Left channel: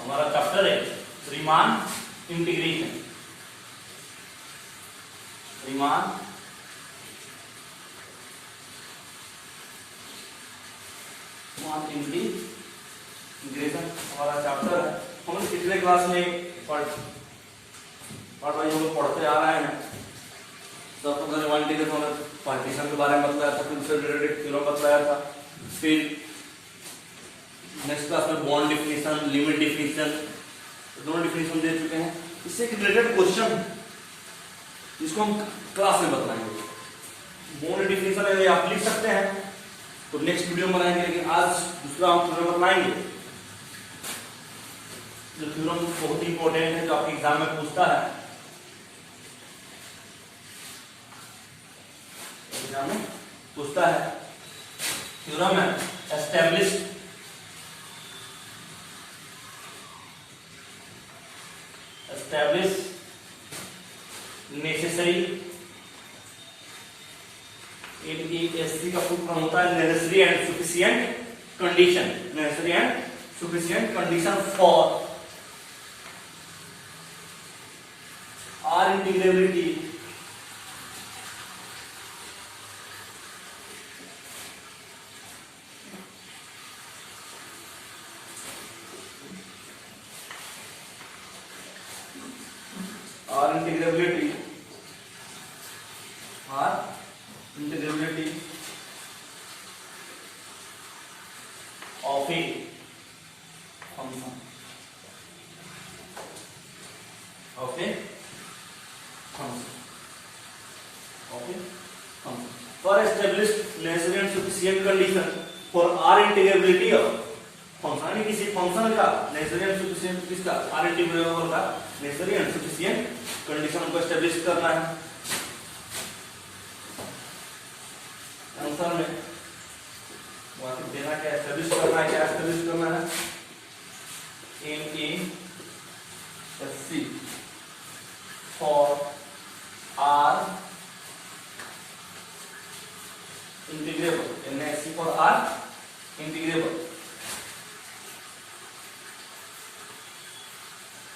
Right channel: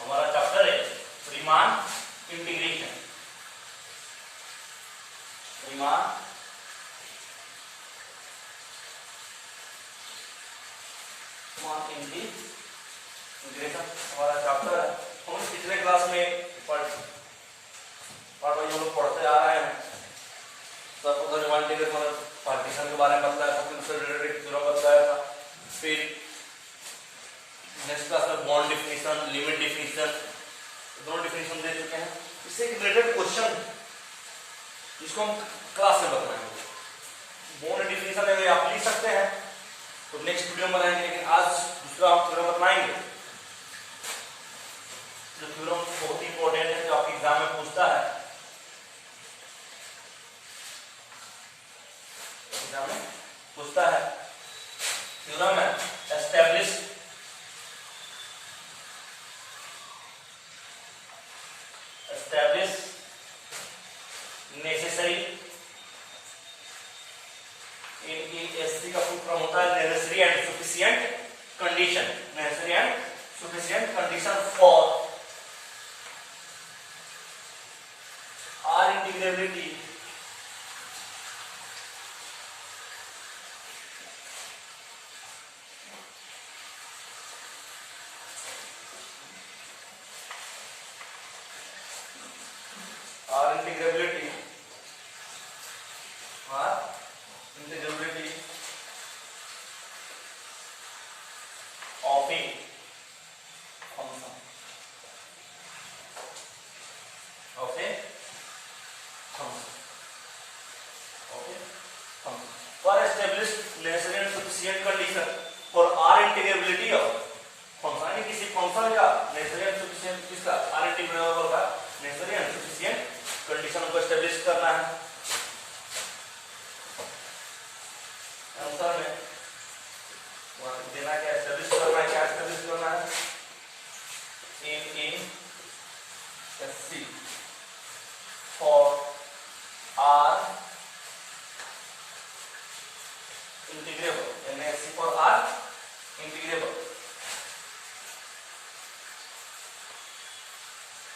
हमारा चैप्टर है Riemann integration. Riemann integration हमारा चैप्टर है। हम पिछले क्लास में पार्ट वाइज हम लोग पढ़ते आ रहे हैं। सबको रीमान इंटीग्रेशन पार्टीशन के बारे में बताया था, फिर उससे रिलेटेड थ्योरम बताया था, फिर नेक्स्ट क्लास में बॉन्ड डिफिनीशन, लिमिट डिफिनीशन, दोनों डिफिनीशन दे चुके हैं। इससे एक रिलेटेड क्वेश्चन जिसको हम क्लास में बताएंगे। बॉन्ड डिफिनीशन अगर आप लिख सकते हैं तो नेक्स्ट वीडियो में बनाएंगे, लेकिन आज दूसरा हम थ्योरम बताएंगे जो थ्योरम बहुत इंपॉर्टेंट है, जो आपके एग्जाम में पूछता है। एग्जाम में पूछता है थ्योरम है एस्टैब्लिश नेसेसरी एनईएससी का फुल फॉर्म होता है necessary and sufficient condition. Necessary and sufficient condition for R integrability of a function for established necessary and sufficient condition for R integrability of function। यानी किसी फंक्शन का necessary and sufficient किसका R integrable का necessary and sufficient condition को एस्टेब्लिश करना है। आंसर में वहां देना क्या एस्टेब्लिश करना है, क्या एस्टेब्लिश करना है, NESC for R integrable, NESC for R integrable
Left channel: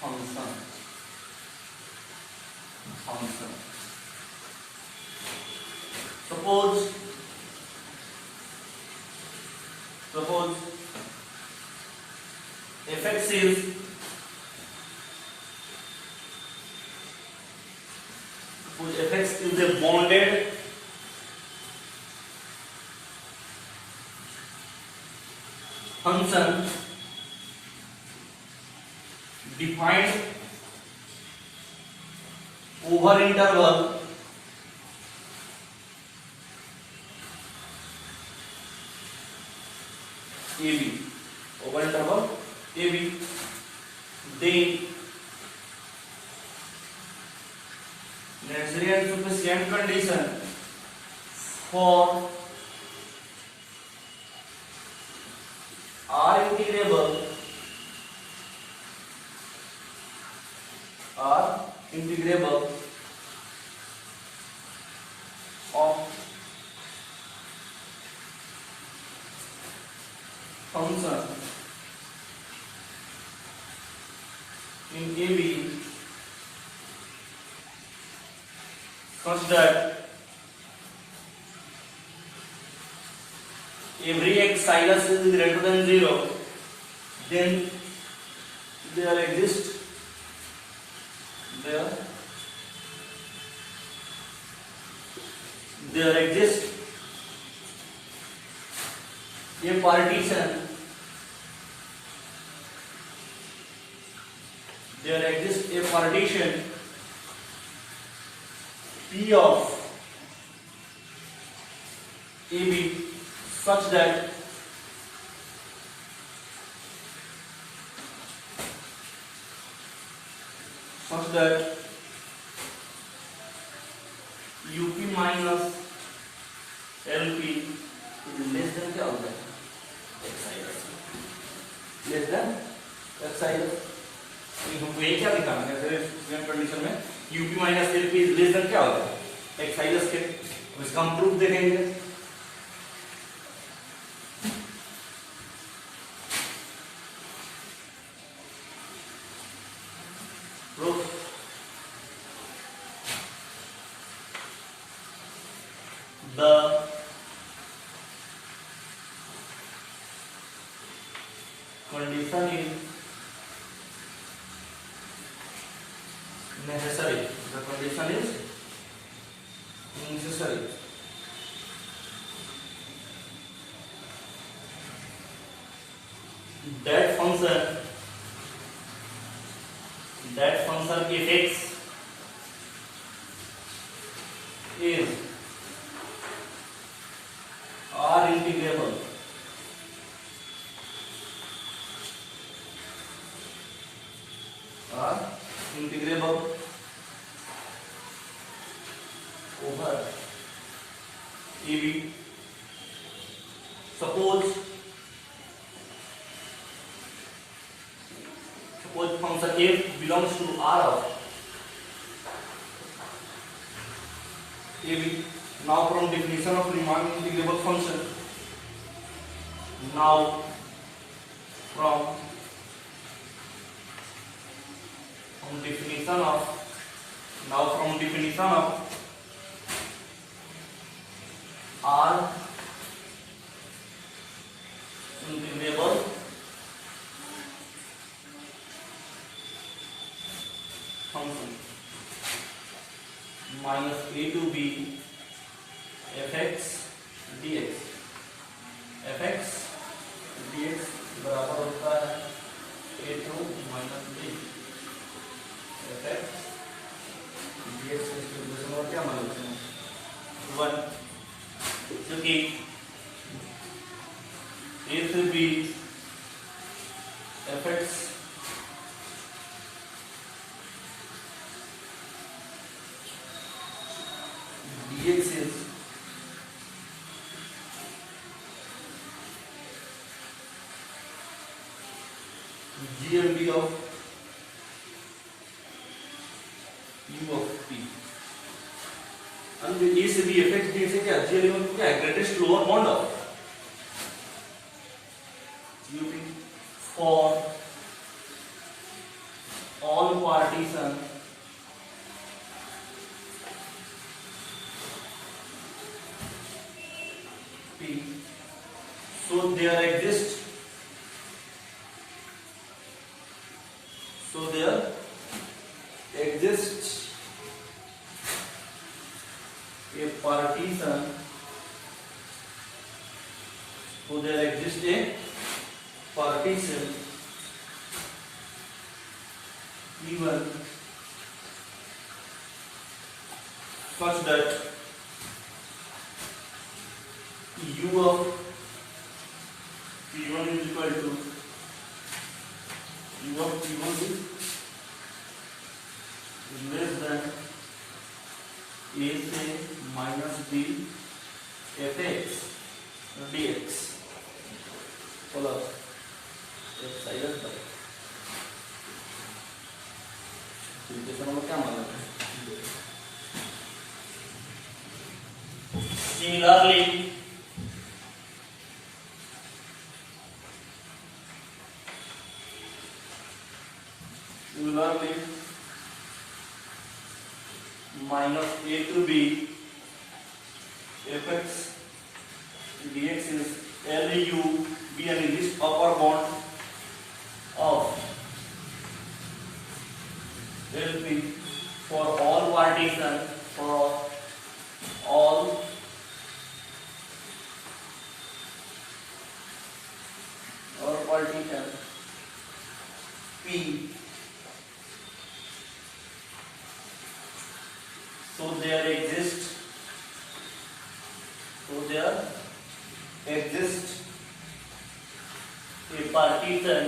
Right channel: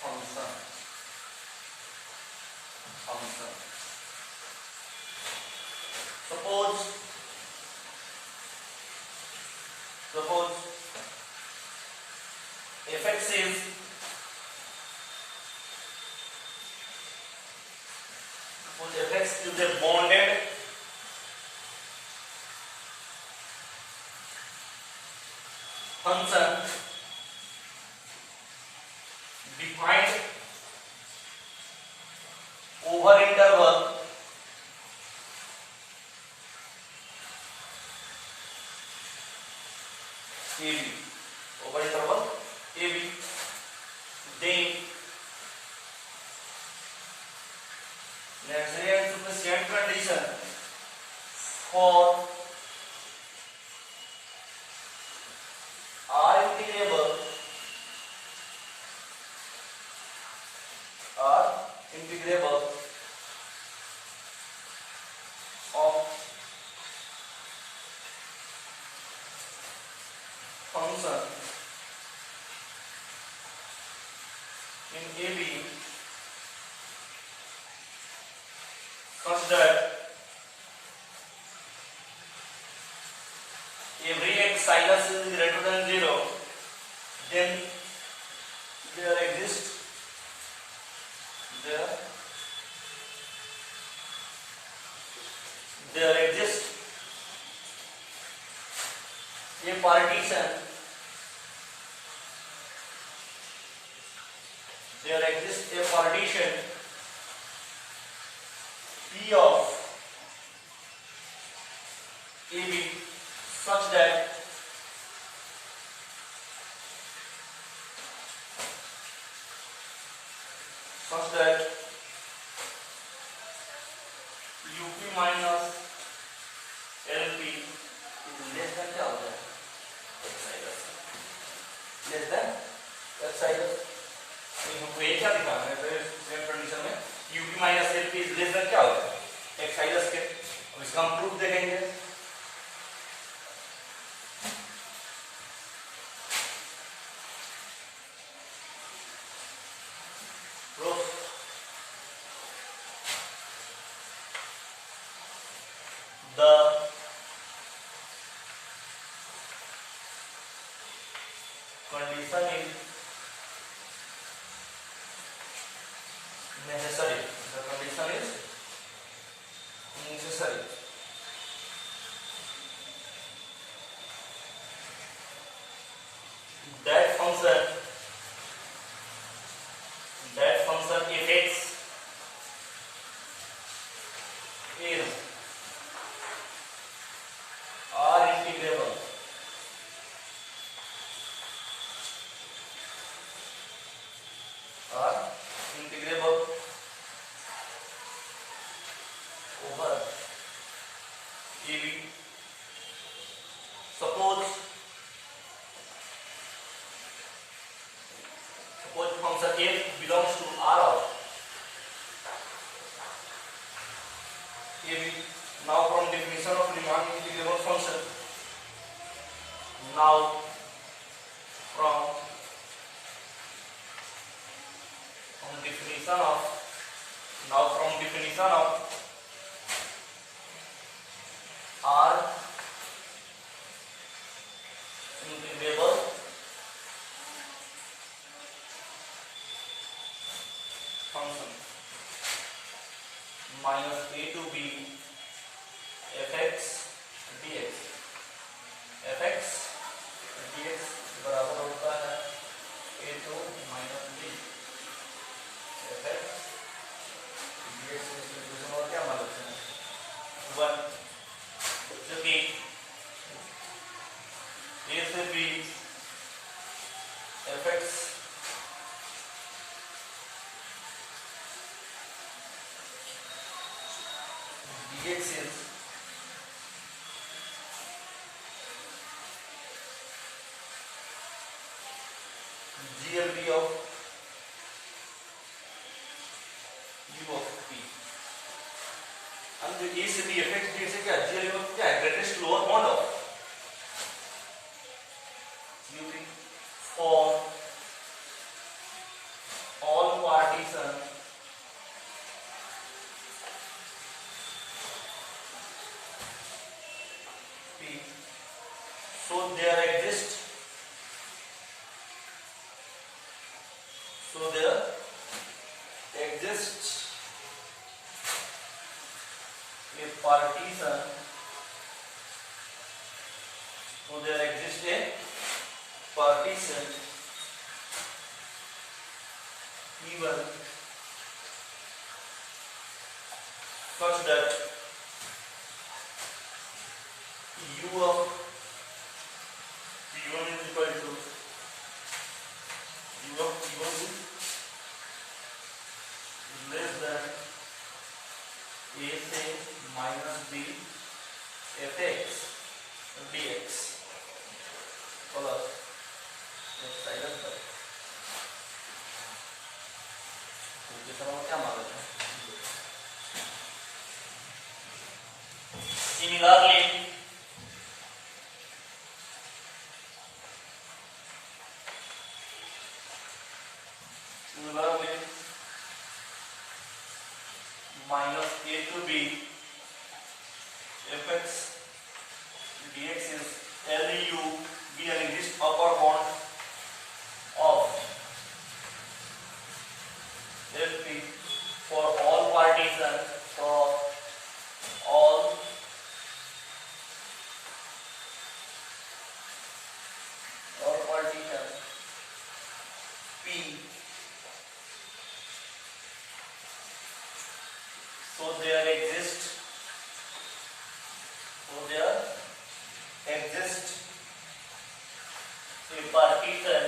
function। Suppose fx is a bonded function defined over interval AB, over interval AB, then necessary and sufficient condition for R integrable of function in AB such that every x sinus is greater than 0, then there exists a partition, P of AB such that UP minus LP is less than क्या हो जाए less than एक्साइलस। हमको ये क्या दिखाना है कंडीशन में UP minus LP is less than क्या होता है एक्साइलस के। इसका हम प्रूफ देखेंगे। condition is necessary. The condition is necessary. That function fx is are integrable over AB. Suppose function f belongs to R of AB. Now from definition of Riemann integrable function, now from definition of R integrable function minus a to b fx dx बराबर होता है a to minus b fx dx। इसमें और क्या मान लेते हैं 1, क्योंकि a से b fx dx is GLB of u of p। and a से b fx dx से क्या GLB of क्या है greatest lower bound of u p for all partition p, so there exists a partition, so there exists a partition even such that u of p1 is equal to u of p1 is less than a से minus b fx dx plus x by equation में क्या मान लेते हैं। Similarly minus a to b fx dx is LU be an exist upper bound of LP for all partition P, so there exists a partition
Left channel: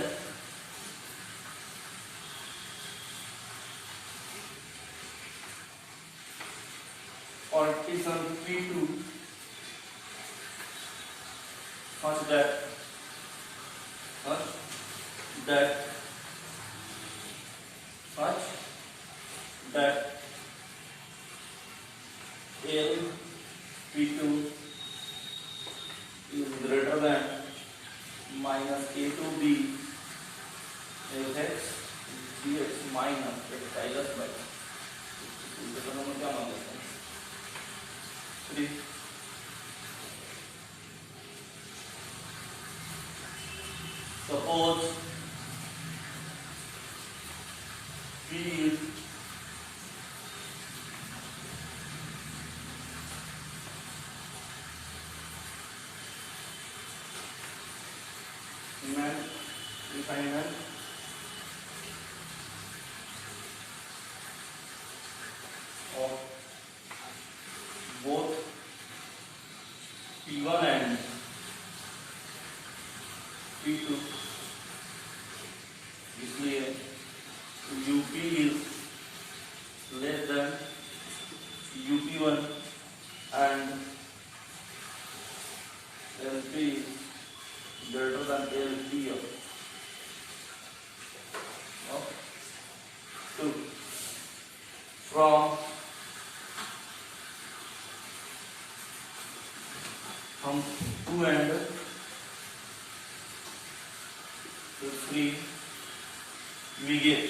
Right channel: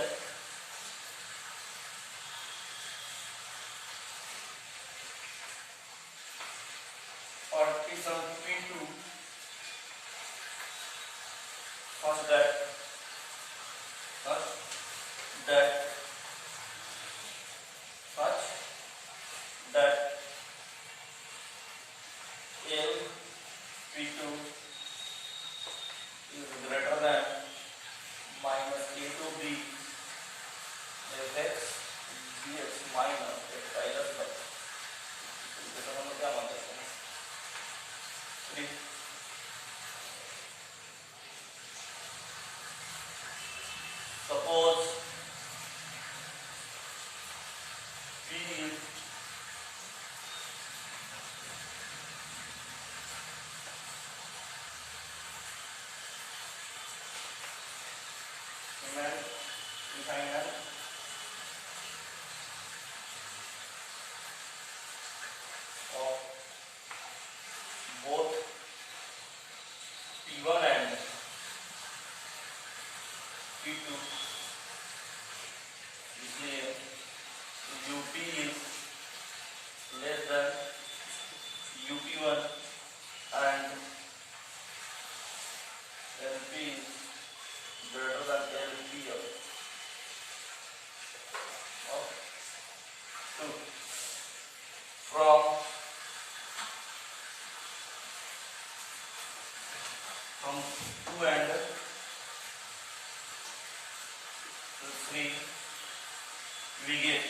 P2 such that L P2 is greater than minus a to b fx dx minus x by क्या मान लेते हैं determinant of both P1 and P2, इसलिए UP is less than UP1 and LP is greater than LPF. Two. From 2 and to 3 we get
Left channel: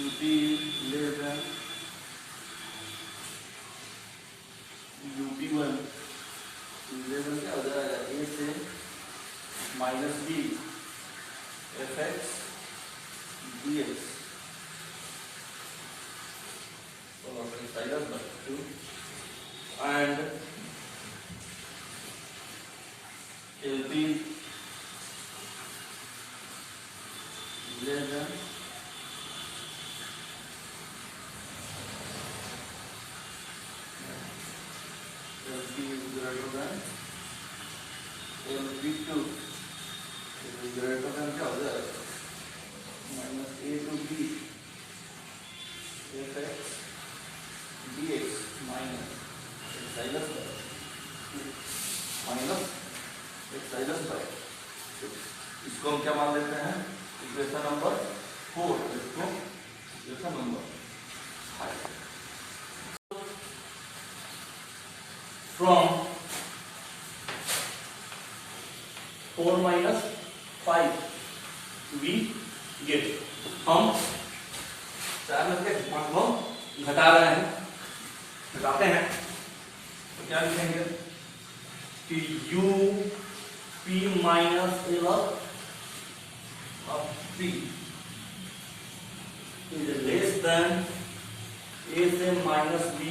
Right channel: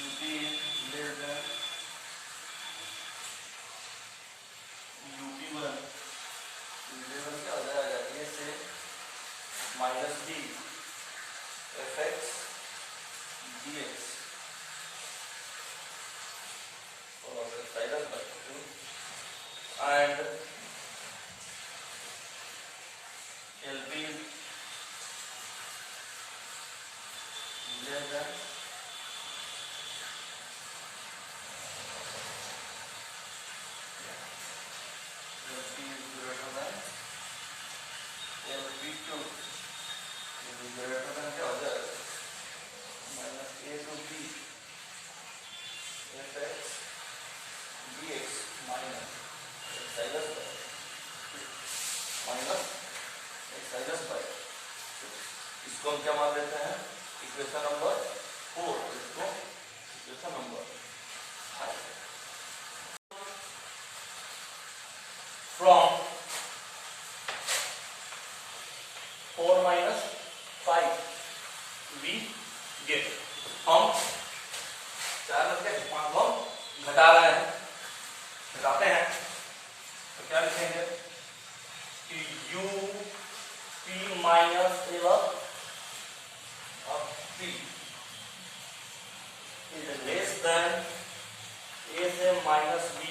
UP is less than UP1, UP1 क्या हो जाएगा, A से minus B fx dx and LP less than LP is greater than LP2, it is greater than क्या हो जाएगा, minus A to B fx dx minus epsilon by इसको हम क्या मान लेते हैं, इक्वेशन नंबर 4, इसको इक्वेशन नंबर 5. From 4 minus 5 we get, हम 4 में से 5 को घटा रहे हैं, घटाते हैं तो क्या लिखेंगे कि U P minus L of P is less than A से minus B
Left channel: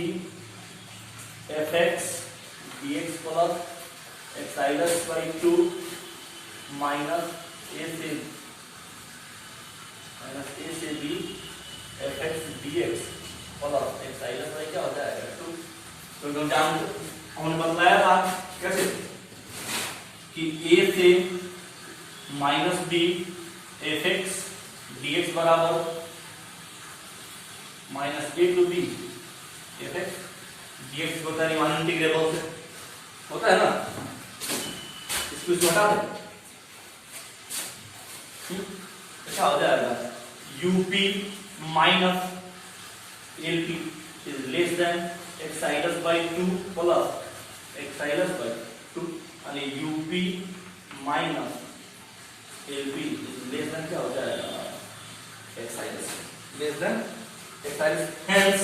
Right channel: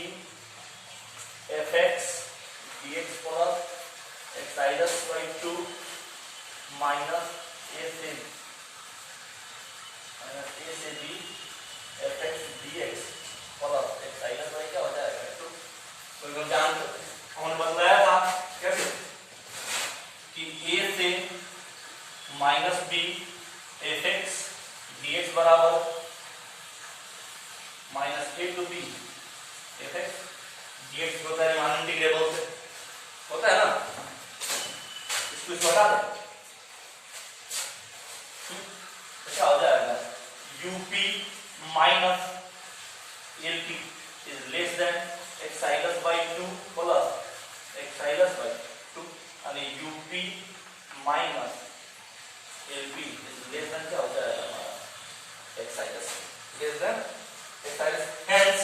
fx dx plus epsilon by 2 minus A से B fx dx plus epsilon by क्या हो जाएगा 2. तो हम जानते हमने बताया था कैसे कि A से माइनस B fx dx बराबर minus A to B fx dx होता है मान इंटीग्रेबल से होता है ना, इसको हटा दे क्या हो जाएगा, UP minus LP is less than epsilon by 2 plus epsilon by 2 आणि UP minus LP is less than क्या हो जाएगा, एक्साइलस less than एक्साइलस, hence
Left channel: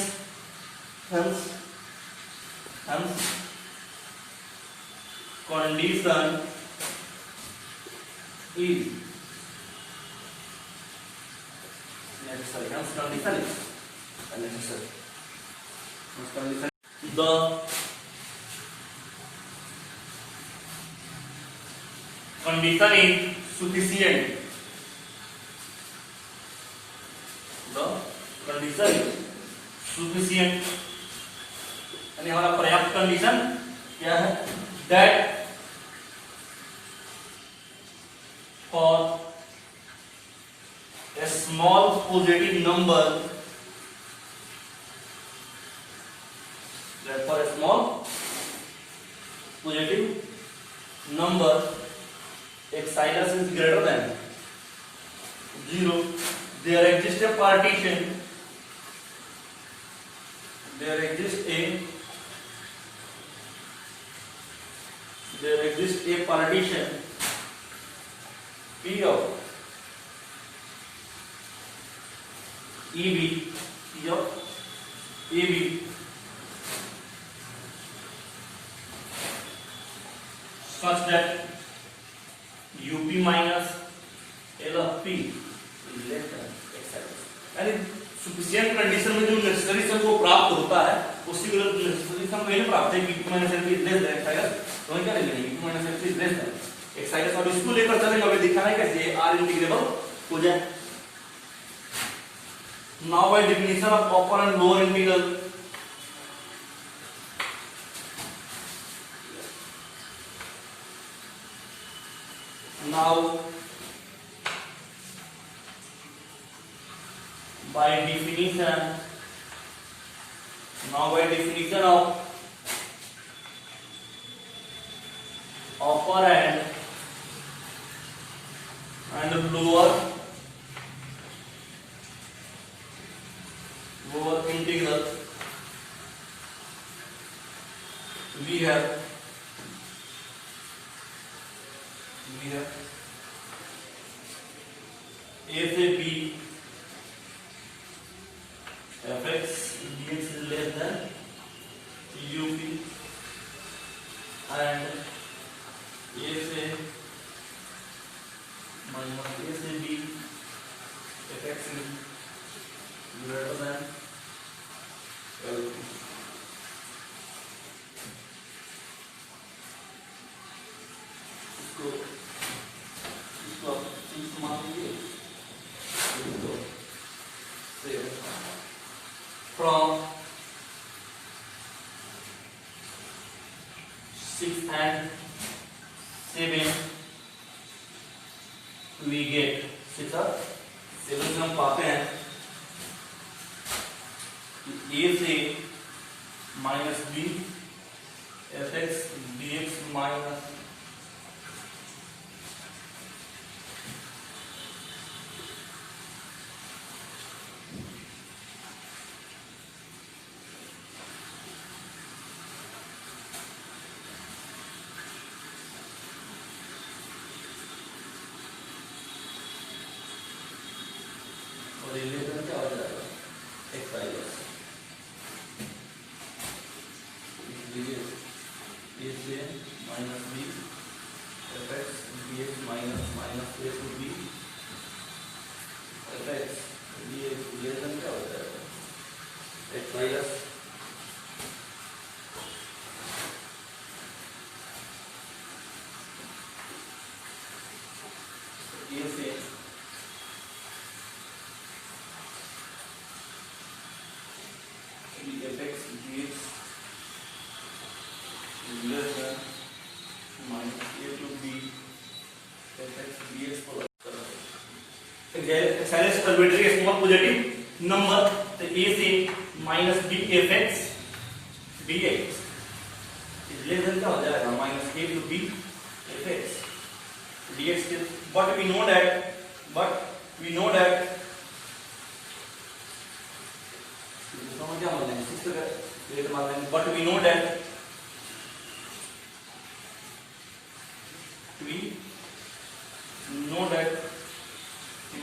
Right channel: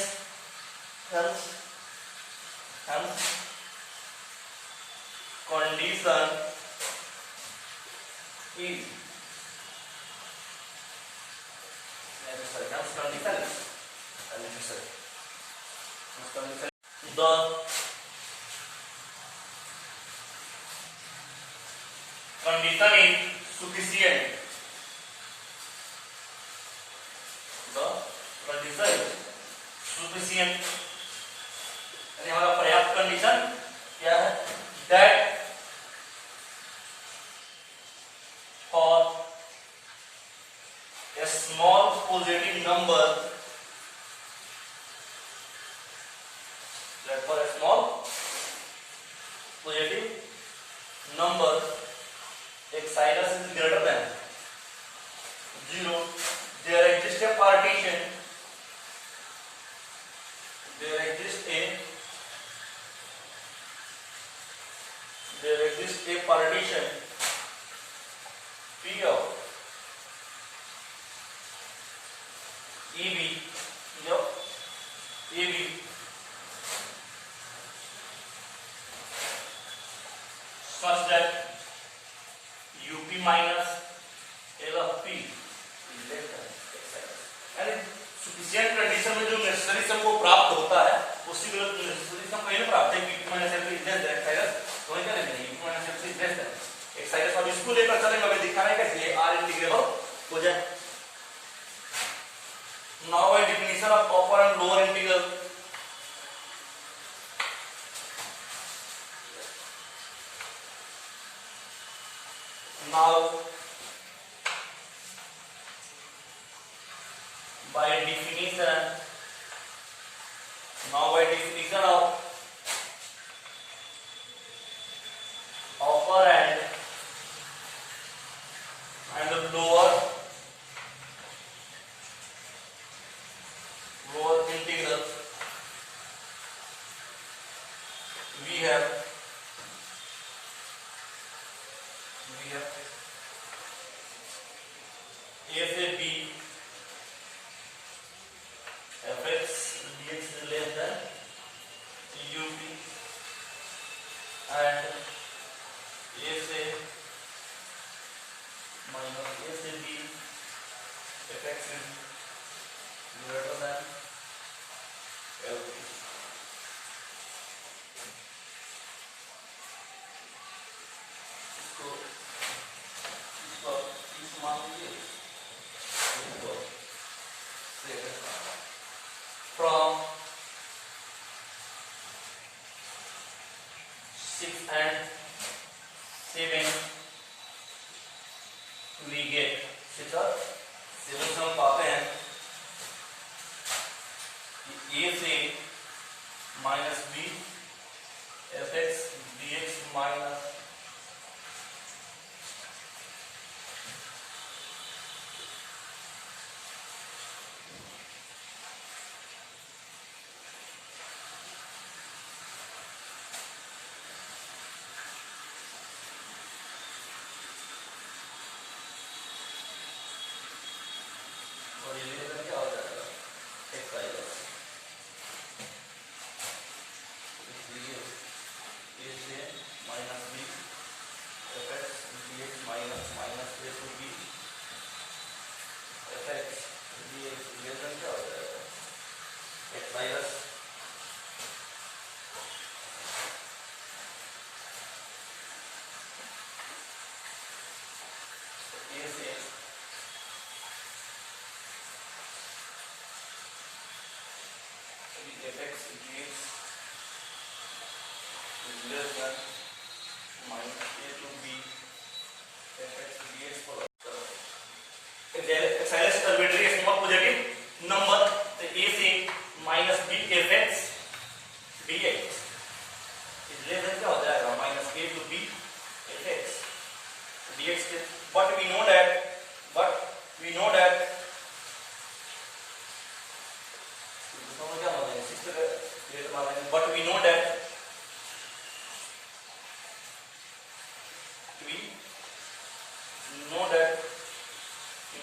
condition is necessary, hence condition is necessary, condition the condition is sufficient, the condition is sufficient यानी हमारा पर्याप्त कंडीशन क्या है, that for a small positive number, that for a small positive number एक्साइलस is greater than 0, there exists a partition, there exists a partition P of EB such that UP minus L of P is less than एक्साइलस, यानी sufficient condition में जो नेसेसरी सम को प्राप्त होता है उसी को नेसेसरी सम कहीं प्राप्त है, UP minus L P is less than एक्साइलस, तो क्या लेंगे u minus f is less than एक साइड अब इसको लेकर चलेंगे, हमें दिखाना है कैसे r इंटीग्रेबल हो जाए। Now by definition of upper and lower integral, now by definition of upper and lower integral, we have a से b fx dx is less than up and a से minus a से b fx is greater than LP. इसको इस मान लीजिए, इसको from 6 and 7 we get 6 और 7 से हम पाते हैं कि a से minus b fx dx minus और ये लेकर क्या हो जाएगा x आएगा, इसलिए a से minus b fx dx minus minus a to b fx dx लेकर क्या हो जाएगा x आएगा। a से fx dx is less than minus a to b fx dx पर एक्साइलेस टर्मिनेटरी के स्मॉल पॉजिटिव नंबर तो a से minus b fx dx is less than क्या हो जाएगा minus a to b fx dx के, but we know that क्या मान लेंगे 6 ग्रेड मान लेंगे, but we know that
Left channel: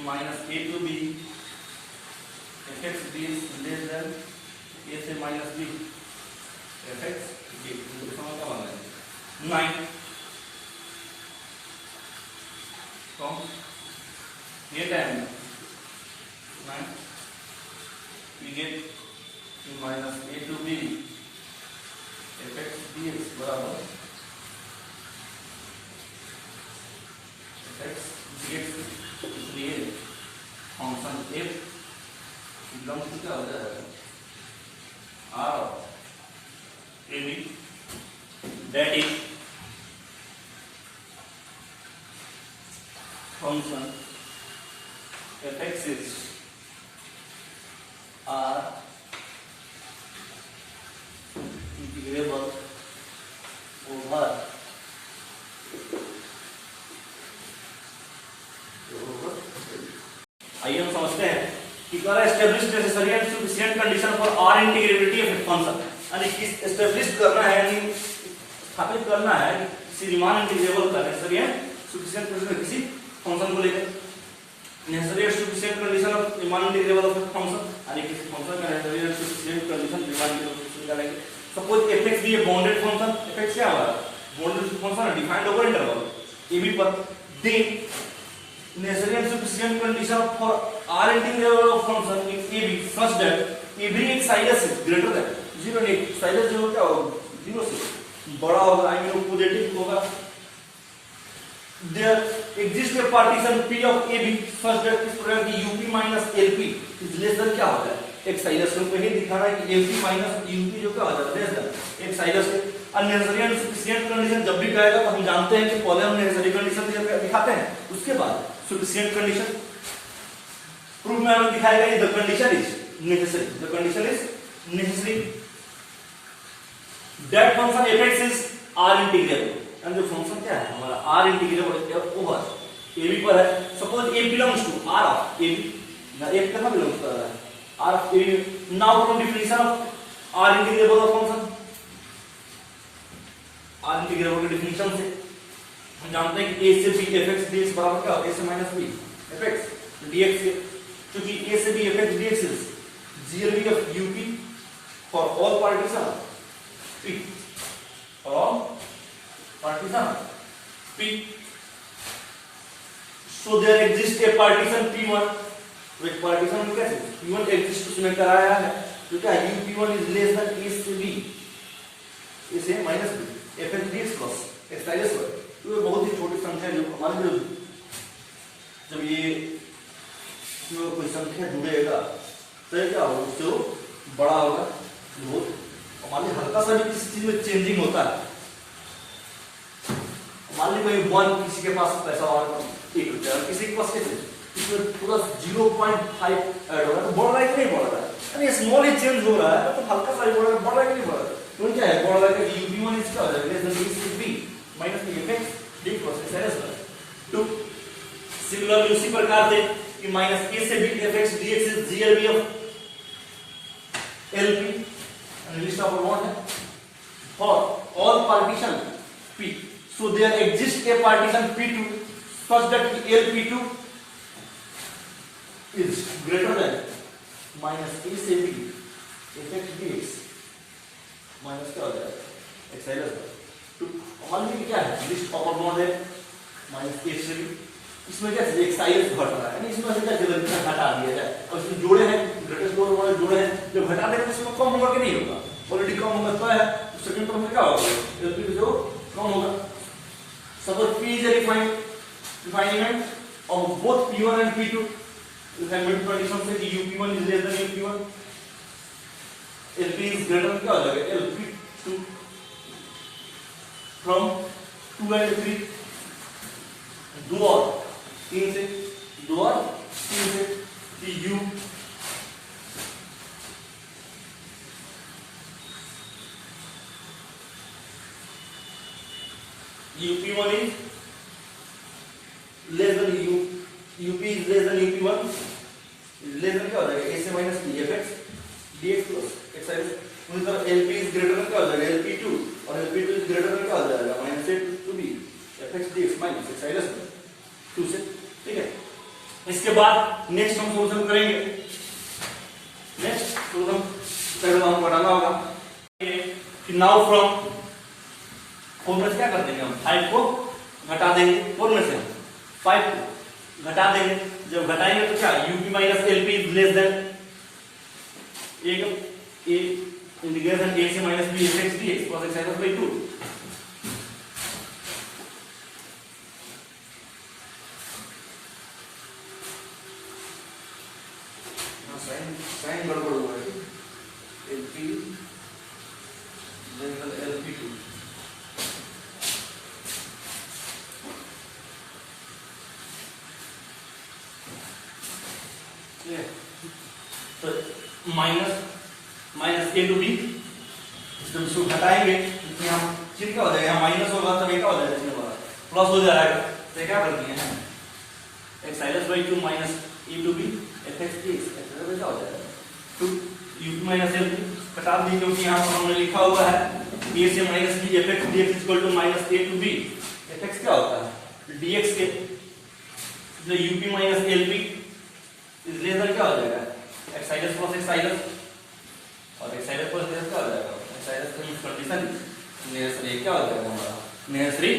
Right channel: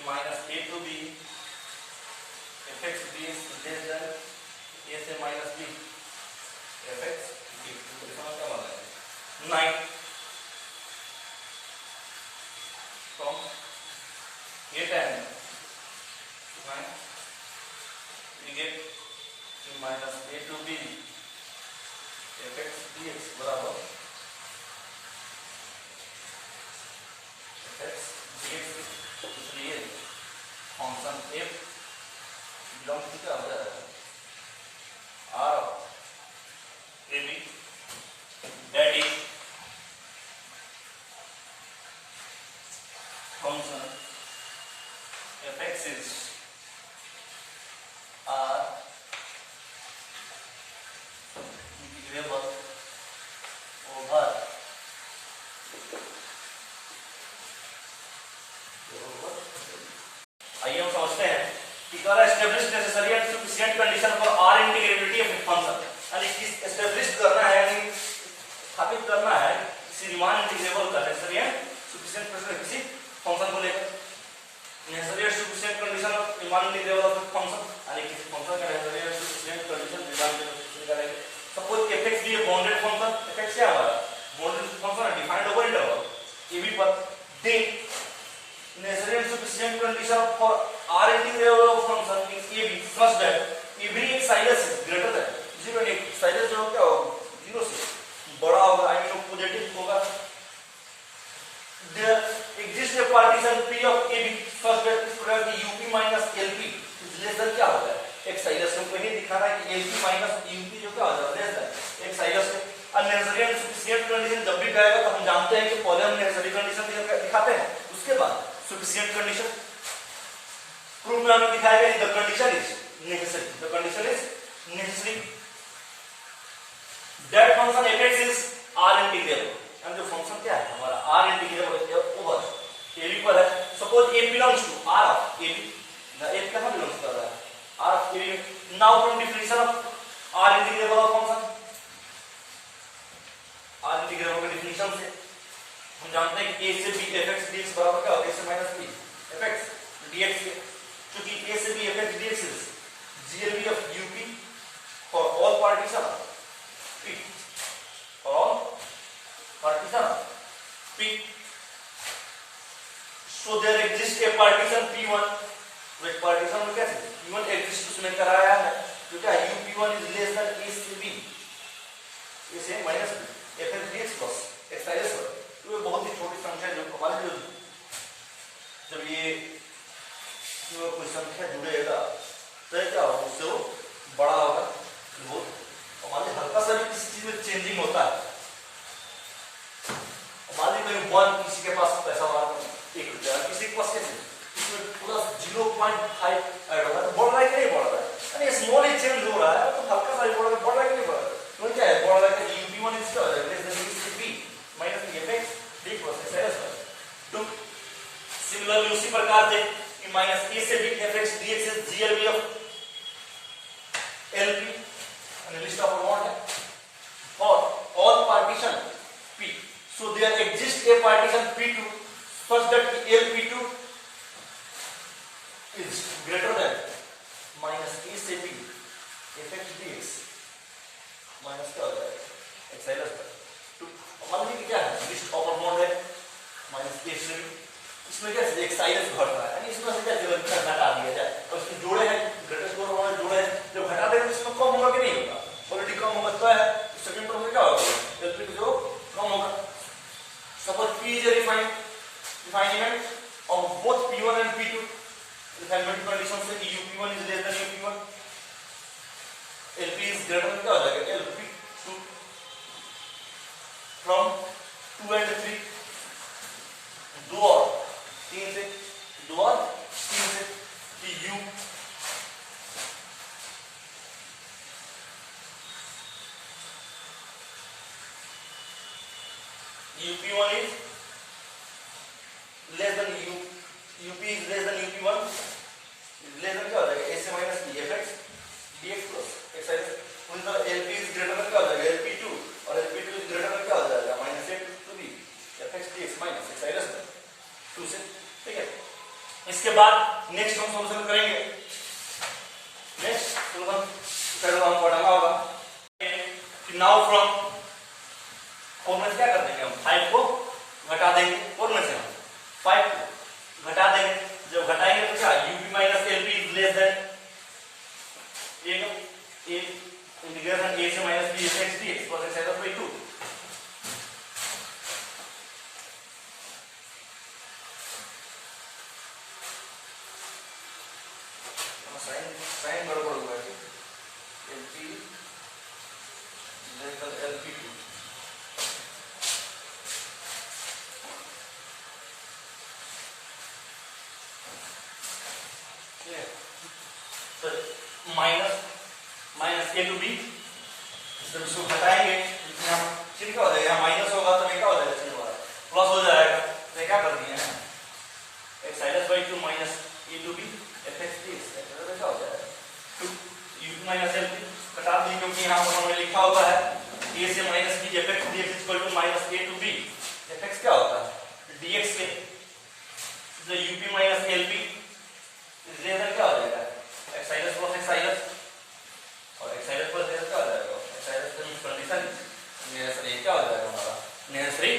minus a to b fx d is less than a से minus b fx d तो समझ क्या मान लेंगे 9 from ये टाइम 9 we get minus a to b fx dx बराबर fx dx real function f belongs to क्या हो जाएगा r a b that is function fx is r integrable over आइए हम समझते हैं कि क्या establish necessary and sufficient condition for R integrability of a function, यानी कि एस्टैब्लिश करना है यानी स्थापित करना है किसी रीमान इंटीग्रेबल का नेसेसरी एंड सफिशिएंट कंडीशन किसी फंक्शन को लेकर necessary and sufficient condition of Riemann integrable of a function, यानी किसी फंक्शन का necessary and sufficient condition Riemann integrable का लेकर सपोज fx भी बाउंडेड फंक्शन, fx क्या हमारा बाउंडेड फंक्शन है defined over interval a b पर, then necessary and sufficient condition for r integral of function in a b such that every xilus is greater than 0 and xilus 0 क्या होगा 0 से बड़ा होगा, I mean positive होगा। There exists a partition P of AB such that इस प्रकार की UP minus LP is less than क्या होता है, एक साइलस को ही दिखाना है कि LP minus UP जो क्या हो जाता है, less than एक साइलस है। अननेसेसरी एंड सफिशिएंट कंडीशन जब भी कहेगा तो हम जानते हैं कि पहले हम नेसेसरी कंडीशन दिखाते हैं, उसके बाद सफिशिएंट कंडीशन। प्रूफ में हमें दिखाएगा कि the condition is necessary, the condition is necessary that function fx is r integrable. And जो फंक्शन क्या है हमारा r इंटीग्रेबल ओवर ab पर है। Suppose a belongs to r of ab, ना a कहां बिलोंग्स कर रहा है, r of ab। Now from definition of r integrable of function, r integrable की डेफिनेशन से हम जानते हैं कि a से b fx dx बराबर क्या होगा, a से माइनस b fx dx के, क्योंकि a से b fx dx is GLB of UP for all partition P, for partition P. So there exists a partition P1, तो एक partition कैसे P1 exist उसमें कराया है, तो क्या UP1 is less than A से B, A से minus B fx dx plus x tiles पर। तो ये बहुत ही छोटी संख्या है जो हमारे जो जब ये कोई संख्या जुड़ेगा तो क्या होगा, उससे वो बड़ा होगा बहुत। हमारे हल्का सा भी किसी चीज में चेंजिंग होता है, हमारे कोई वन किसी के पास पैसा ₹1, किसी के पास कैसे इसमें पूरा 0.5 ऐड हो रहा है, तो बढ़ रहा है कि नहीं बढ़ रहा है, यानी स्मॉल ही चेंज हो रहा है तो हल्का सा बढ़ रहा है कि नहीं बढ़ रहा है, तो क्या है बढ़ रहा है कि UP1 इज क्या हो जाएगा लेस देन A से B minus fx dx plus x two. Similarly उसी प्रकार से कि माइनस A से B fx dx is GLB of LP and list of amount है for all partition P. So there exists a partition P2 such that LP2 is greater than minus A से B fx dx minus क्या हो जाएगा x Silas पर टू। मान लीजिए क्या है लिस्ट ऑफ अमाउंट है माइनस A से B, इसमें क्या एक साइलस घट रहा है, यानी इसमें से क्या जगह हटा दिया जाए और इसमें जोड़े हैं ग्रेटेस्ट दो वाले जोड़े हैं, जब हटा देंगे तो इसमें कम होगा कि नहीं होगा, ऑलरेडी कम होगा तो है सेकंड टर्म में क्या होगा LP जो कम होगा। Suppose P is refinement of both P1 and P2, refinement condition से कि UP1 is less than UP1, LP is greater क्या हो जाएगा LP2 फ्रॉम 2 एंड 3 दो और 3 से 2 और 3 से कि U UP1 is less than UP is less than UP1 is less than क्या हो जाएगा A से minus B fx dx plus x है, उसी तरह LP is greater than क्या हो जाएगा LP2 और LP2 is greater than क्या हो जाएगा minus A to B fx dx minus x है 2 से, ठीक है। इसके बाद नेक्स्ट हम सॉल्यूशन करेंगे, नेक्स्ट सॉल्यूशन पहले हमको डालना होगा कि नाउ फ्रॉम 4 में से क्या कर देंगे हम 5 को घटा देंगे, 4 में से हम 5 को घटा देंगे, जब घटाएंगे तो क्या UP minus LP is less than A integration A से minus B fx dx plus x है by 2। साइन गड़बड़ हुआ है LP LP2 तो माइनस A टू B, जब इसको घटाएंगे यहाँ फिर क्या हो जाएगा, माइनस होगा तब क्या हो जाएगा इसमें प्लस हो जाएगा, तो क्या कर दिए हैं x साइनस by 2 minus E to B fx dx क्या हो जाएगा 2 UP माइनस LP घटा दी, क्योंकि यहाँ पर हमने लिखा हुआ है A से minus B fx dx equal to minus A to B fx क्या होता है dx के, जो UP माइनस LP इस लेवल क्या हो जाएगा x साइनस प्लस x साइनस और x साइनस प्लस x क्या हो जाएगा x साइनस का कंडीशन नेसेसरी क्या हो जाएगा हमारा नेसेसरी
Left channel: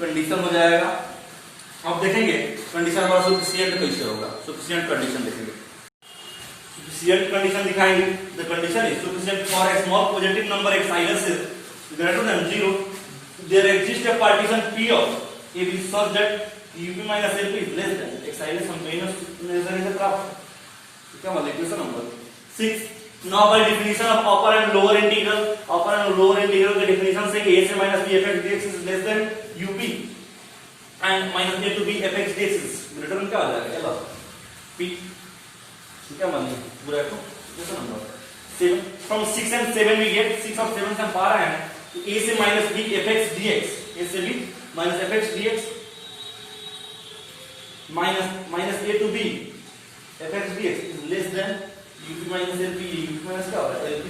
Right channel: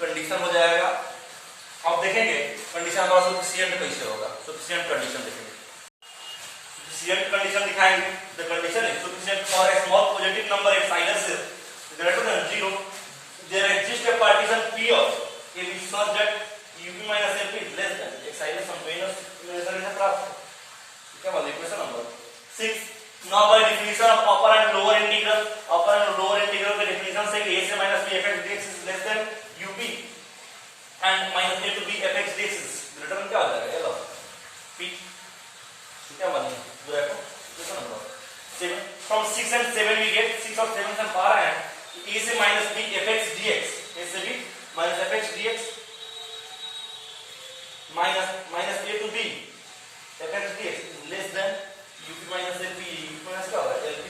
कंडीशन हो जाएगा। अब देखेंगे कंडीशन हमारा सफिशिएंट कैसे होगा, सफिशिएंट कंडीशन देखेंगे, सफिशिएंट कंडीशन दिखाएंगे। The condition is sufficient for a small positive number x sinus greater than 0, there exists a partition P of AB such that UP minus LP is less than x I less 1 मेजर से प्राप्त क्या मतलब equation number 6. Now by definition of upper and lower integral के definition से कि a से minus b fx dx is less than up and minus a to b fx dx is greater than क्या हो जाएगा चलो p क्या माने पूरा को इक्वेशन नंबर 7. From 6 and 7 we get 6 और 7 से हम पा रहे हैं कि a से minus b fx dx a से b minus fx dx minus a to b fx dx is less than up minus lp. up minus क्या हो रहा है lp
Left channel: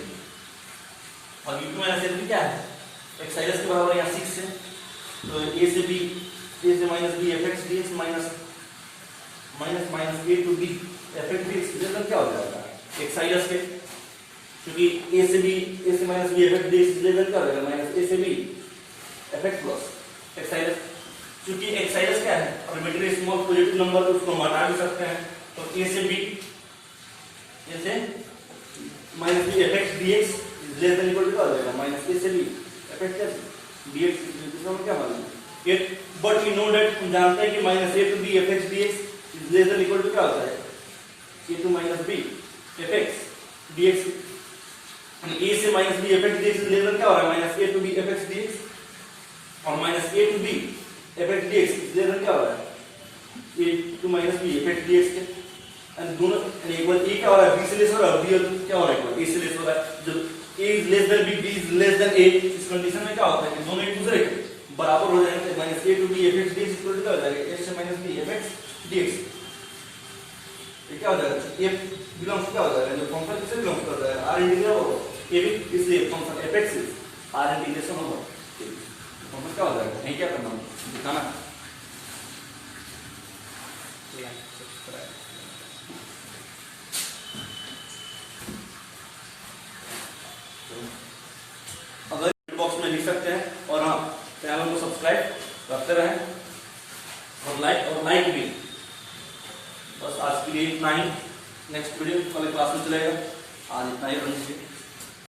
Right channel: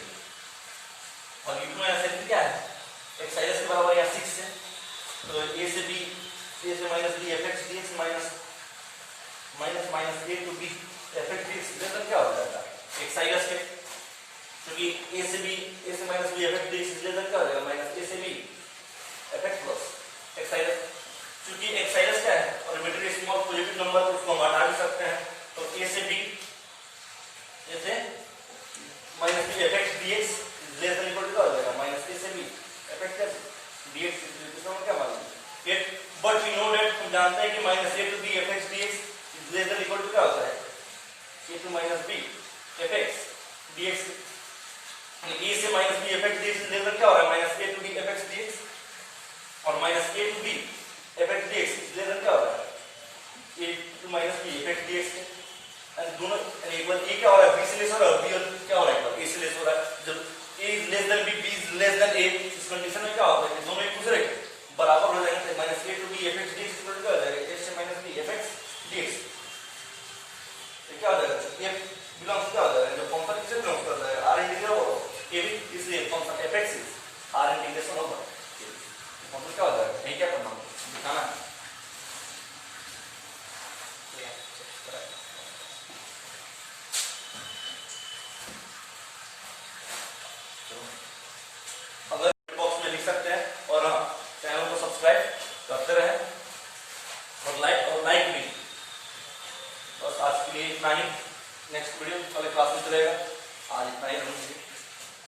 और up minus lp क्या है x i के बराबर है 6 से तो a से minus b fx dx minus a to b fx dx less than क्या हो जाएगा x i के क्योंकि a से minus b fx dx less than क्या हो जाएगा minus a से b fx plus x i क्योंकि x i क्या है और मेटेरियल स्मॉल पॉजिटिव नंबर तो उसको हम हटा भी सकते हैं तो a से b जैसे minus b fx dx is less than equal to क्या हो जाएगा minus a से b fx dx इसको हम क्या मानेंगे yet but we know that हम जानते हैं कि minus a to b fx dx is less than equal to क्या होता है a to minus b fx dx यानी a से minus b fx dx is less than क्या हो रहा है minus a to b fx dx और minus a to b fx dx is less than क्या हो रहा है a to minus b fx dx के and दोनों इक्वल a क्या हो रहा है b से लेस हो रहा है b क्या हो रहा है a से लेस हो रहा है जब a is less than b b is less than a इस कंडीशन में क्या होता है दोनों एक दूसरे के बराबर हो जाएंगे minus a to b fx dx equal to क्या हो जाएगा a से minus b fx dx ये क्या हो जाएगा a बिलोंग्स क्या हो जाएगा जो फंक्शन किससे बिलोंग करता है r इंटीग्रल होगा a भी इसलिए function fx is r integration होगा फंक्शन क्या हो जाएगा नहीं क्या करना दिखाना अगर बॉक्स में लिख सकते हैं और हाँ चैनल को सब्सक्राइब करते रहें और लाइक भी. बस आज के लिए इतना ही. नेक्स्ट वीडियो कल क्लास में चलेगा. आज इतना ही.